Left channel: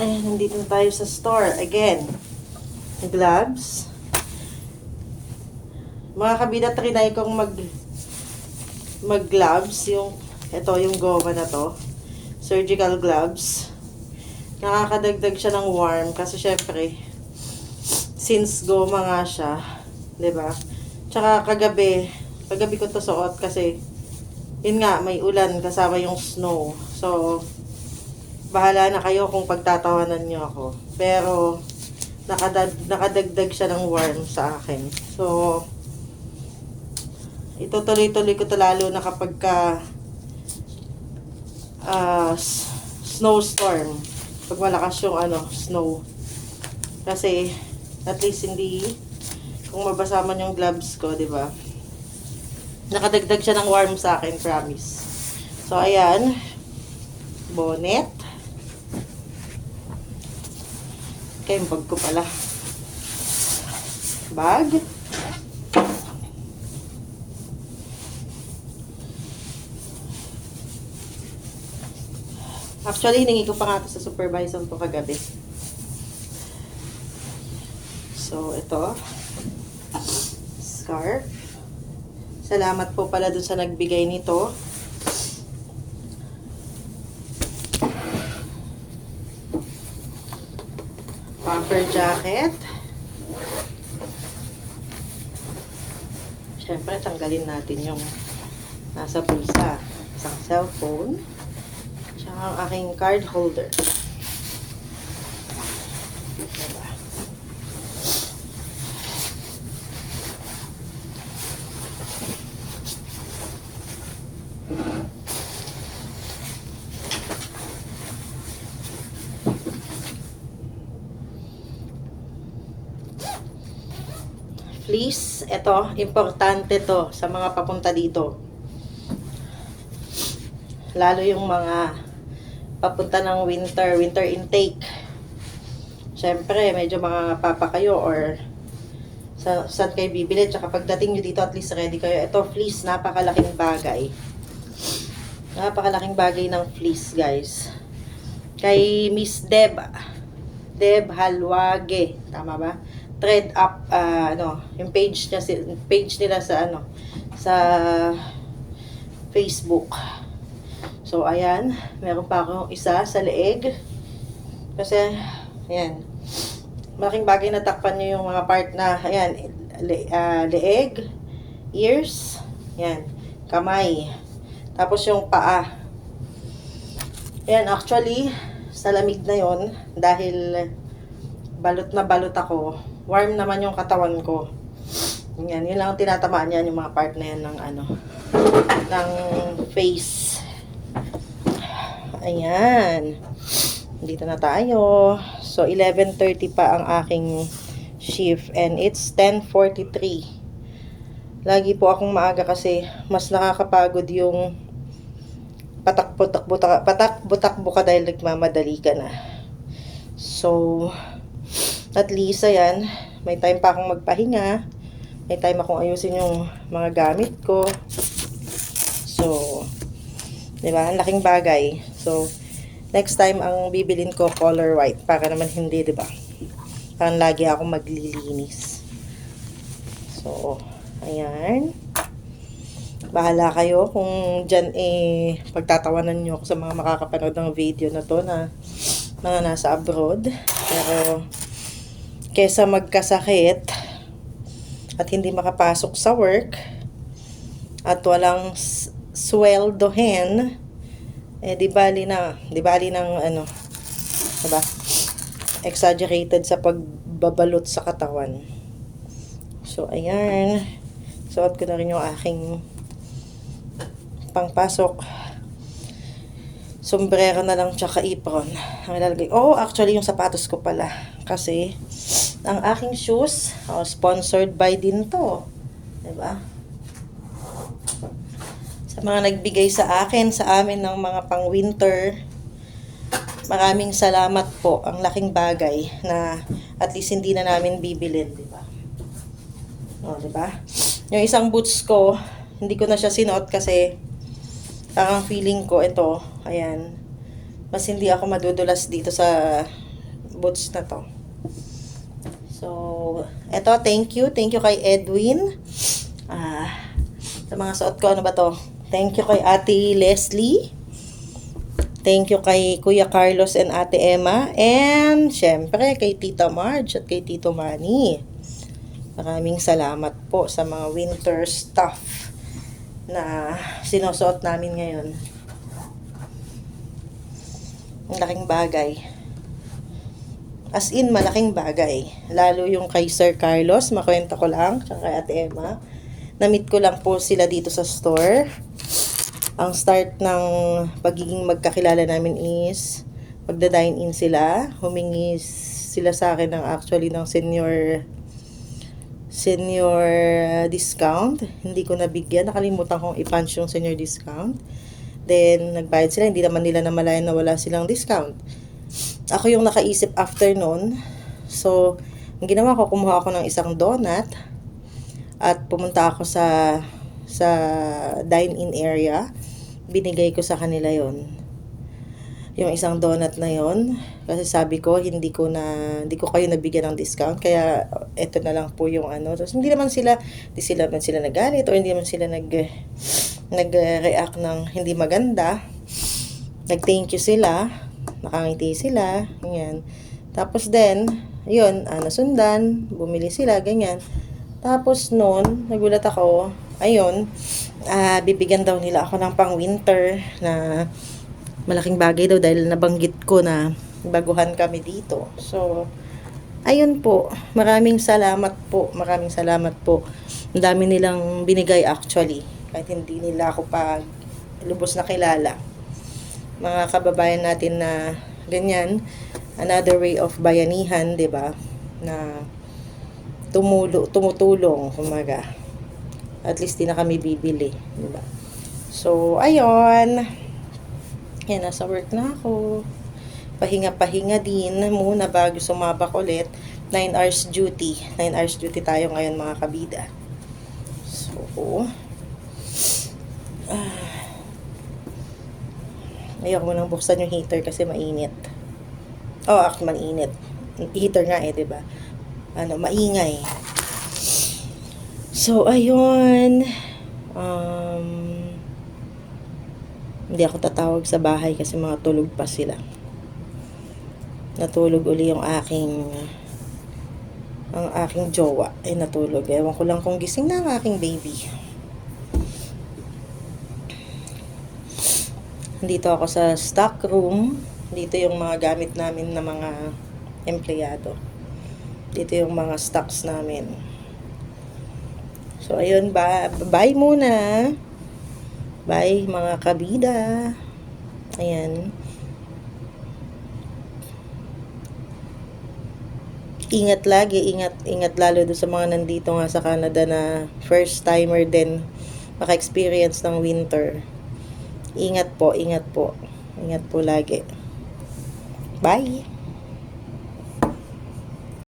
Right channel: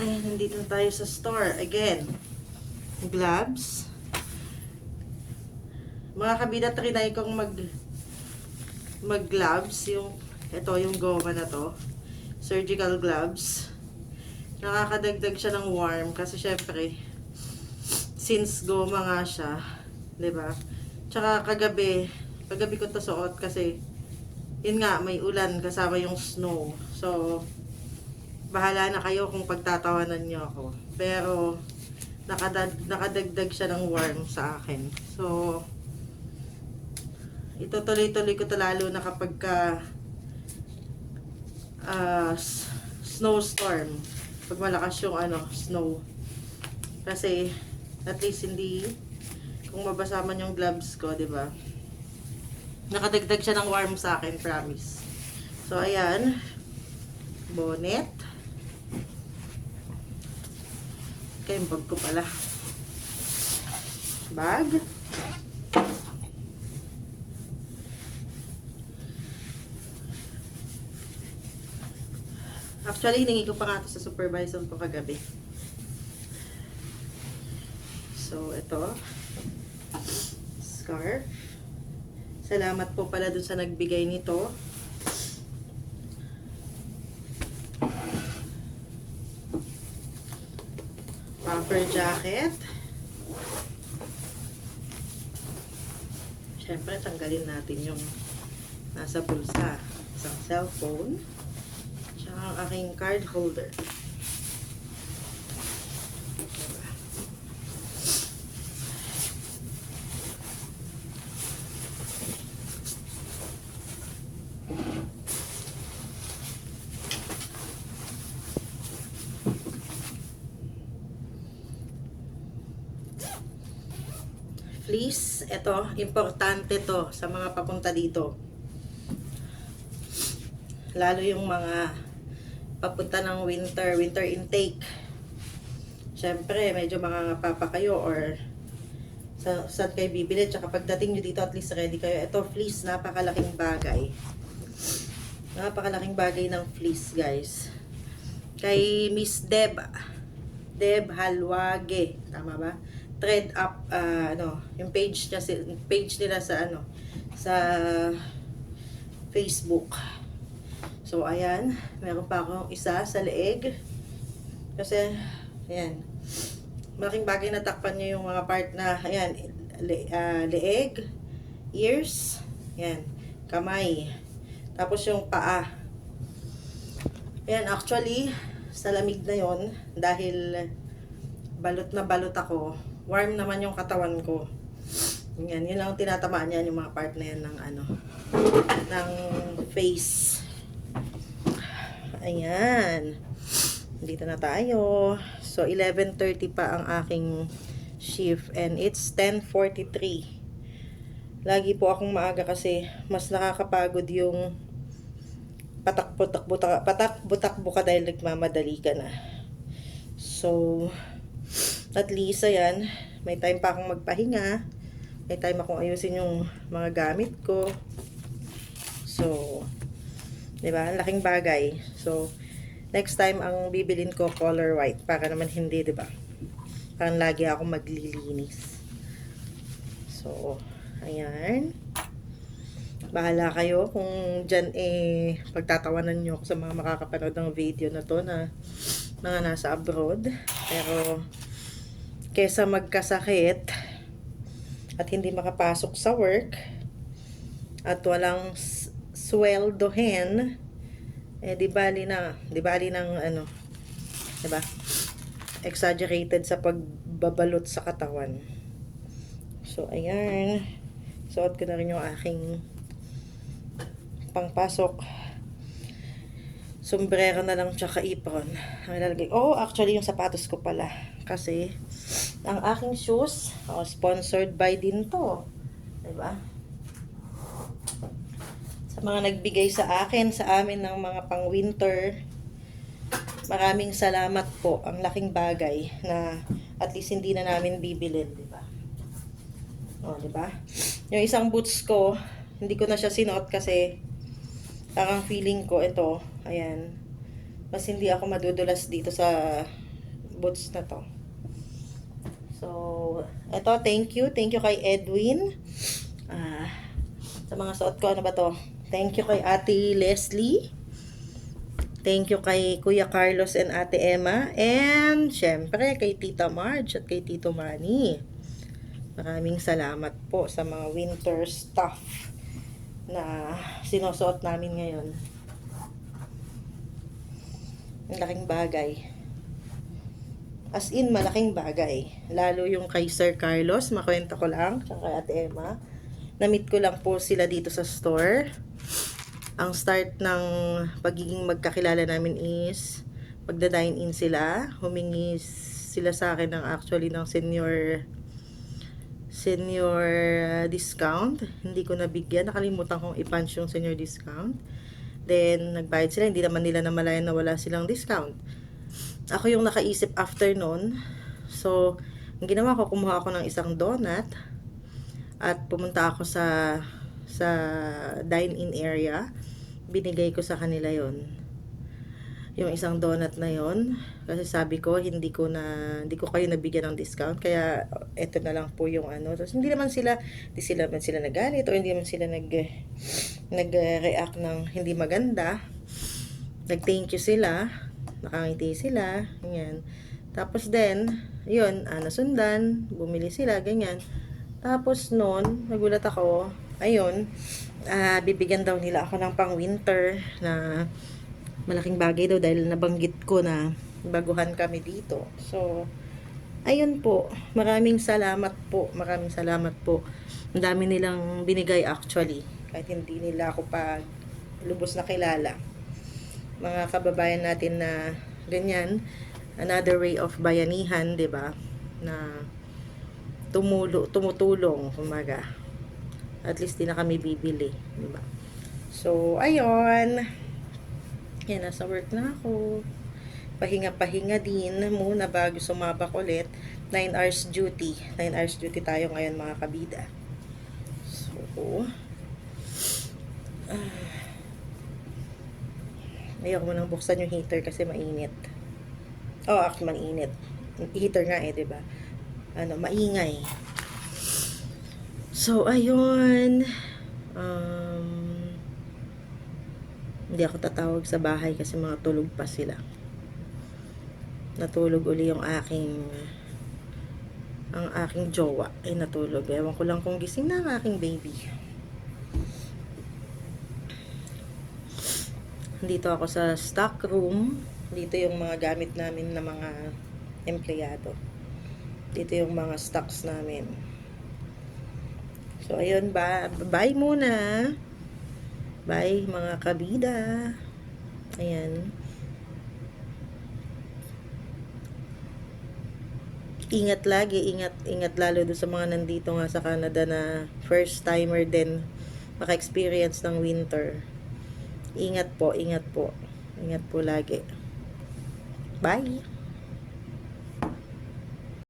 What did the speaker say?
Ay, nandito na tayo sa store. Again, gloves. Mga kabida, trinay kong mag-gloves. Ito, yung goma na to. Surgical gloves. Nakakadagdag siya ng warm kasi syempre, since goma nga siya, 'di ba? Tsaka kagabi ko to suot kasi yun nga, may ulan kasama yung snow. So, bahala na kayo kung pagtatawanan nyo ako. Pero, nakadagdag siya ng warm sa akin. So, ito tuloy-tuloy ko to lalo na kapag snowstorm. Pag malakas yung snow. Kasi, at least hindi, kung mabasa man yung gloves ko, di ba? Nakadagdag siya ng warm sa akin, promise. So, ayan. Bonnet. Okay, yung bag ko pala. Bag. Actually, hiningi ko pa nga ito sa supervisor ko kagabi. So, ito. Scarf. Salamat po pala dun sa nagbigay nito. Puffer jacket. Siyempre, tanggalin natin yung nasa bulsa. Isang cellphone. Tsaka ang aking card holder. Fleece, ito, importante to sa mga papunta dito. Lalo yung mga papunta ng winter intake. Siyempre, medyo mga papa kayo or saan kayo bibili. Tsaka pagdating nyo dito, at least ready kayo. Ito, fleece, napakalaking bagay. Napakalaking bagay ng fleece, guys. Kay Miss Deb Halwage, tama ba? Thread up, yung page nila sa sa Facebook. So, ayan, meron pa akong isa sa leeg. Kasi, ayan, malaking bagay na takpan nyo yung mga part na, ayan, leeg, ears, ayan, kamay, tapos yung paa. Ayan, actually, sa lamig na yon dahil balot na balot ako, warm naman yung katawan ko. Yan, yun lang ang tinatamaan yan, yung mga part na yan ng ng face. Ayan. Dito na tayo. So, 11:30 pa ang aking shift and it's 10:43. Lagi po akong maaga kasi mas nakakapagod yung patakbo-takbo ka dahil nagmamadali ka na. So, at least, ayan, may time pa akong magpahinga. May time akong ayusin yung mga gamit ko. So, diba? Ang laking bagay. So, next time ang bibilin ko color white. Para naman hindi, diba? Parang lagi akong maglilinis. So, ayan. Bahala kayo kung dyan pagtatawanan nyo ako sa mga makakapanood ng video na to na mga nasa abroad. Pero, kesa magkasakit at hindi makapasok sa work at walang sweldohin, di bali ng diba? Exaggerated sa pagbabalot sa katawan. So, ayan. Suot ko na rin yung aking pangpasok. Sombrero na lang tsaka apron ang ilalagay. Oh, actually yung sapatos ko pala. Kasi ang aking shoes, sponsored by din to. Diba? Sa mga nagbigay sa akin, sa amin ng mga pang winter, maraming salamat po. Ang laking bagay na at least hindi na namin bibilin. Diba? Diba? Yung isang boots ko, hindi ko na siya sinuot kasi parang feeling ko ito, ayan, mas hindi ako madudulas dito sa boots na to. So, eto, thank you. Thank you kay Edwin. Sa mga suot ko, ano ba to? Thank you kay Ate Leslie. Thank you kay Kuya Carlos and Ate Emma. And, syempre, kay Tita Marge at kay Tito Manny. Maraming salamat po sa mga winter stuff na sinusuot namin ngayon. Ang laking bagay. As in, malaking bagay. Lalo yung kay Sir Carlos, makwenta ko lang, tsaka kay Ate Emma. Na-meet ko lang po sila dito sa store. Ang start ng pagiging magkakilala namin is magda-dine-in sila. Humingi sila sa akin ng senior discount. Hindi ko nabigyan. Nakalimutan kong i-punch yung senior discount. Then, nagbayad sila. Hindi naman nila namalayan na wala silang discount. Ako yung nakaisip after nun. So, ang ginawa ko, kumuha ako ng isang donut at pumunta ako sa dine-in area. Binigay ko sa kanila yon, yung isang donut na yon, kasi sabi ko hindi ko kayo nabigyan ng discount, kaya eto na lang po yung ano. Tapos hindi naman sila nagalit or hindi naman sila nag-react ng hindi maganda. Nag-thank you sila, nakangiti sila, ganyan. Tapos then, yun, nasundan, bumili sila, ganyan. Tapos noon, nagulat ako, ayun, bibigyan daw nila ako ng pang-winter na malaking bagay daw dahil nabanggit ko na baguhan kami dito. So, ayun po, maraming salamat po. Ang dami nilang binigay actually, kahit hindi nila ako pa lubos na kilala. Mga kababayan natin na ganyan, another way of bayanihan, 'di ba? Na tumutulong, kumaga. At least di na kami bibili, di ba? So, ayun. Yan, nasa work na ako. Pahinga din muna bago sumabak ulit. 9 hours duty. 9 hours duty tayo ngayon, mga kabida. So, ayaw ko nang buksan yung heater kasi mainit. Oh, actually, mainit. Heater nga di ba? Maingay. So, ayun. Hindi ako tatawag sa bahay kasi mga tulog pa sila. Natulog uli ang aking jowa ay natulog. Ewan ko lang kung gising na ang aking baby. Dito ako sa stock room. Dito yung mga gamit namin na mga empleyado. Dito yung mga stocks namin. So, ayun ba. Bye muna. Bye, mga kabida. Ayan. Ingat lagi. Ingat lalo doon sa mga nandito nga sa Canada na first timer din maka-experience ng winter. Ingat po. Ingat po lagi. Bye.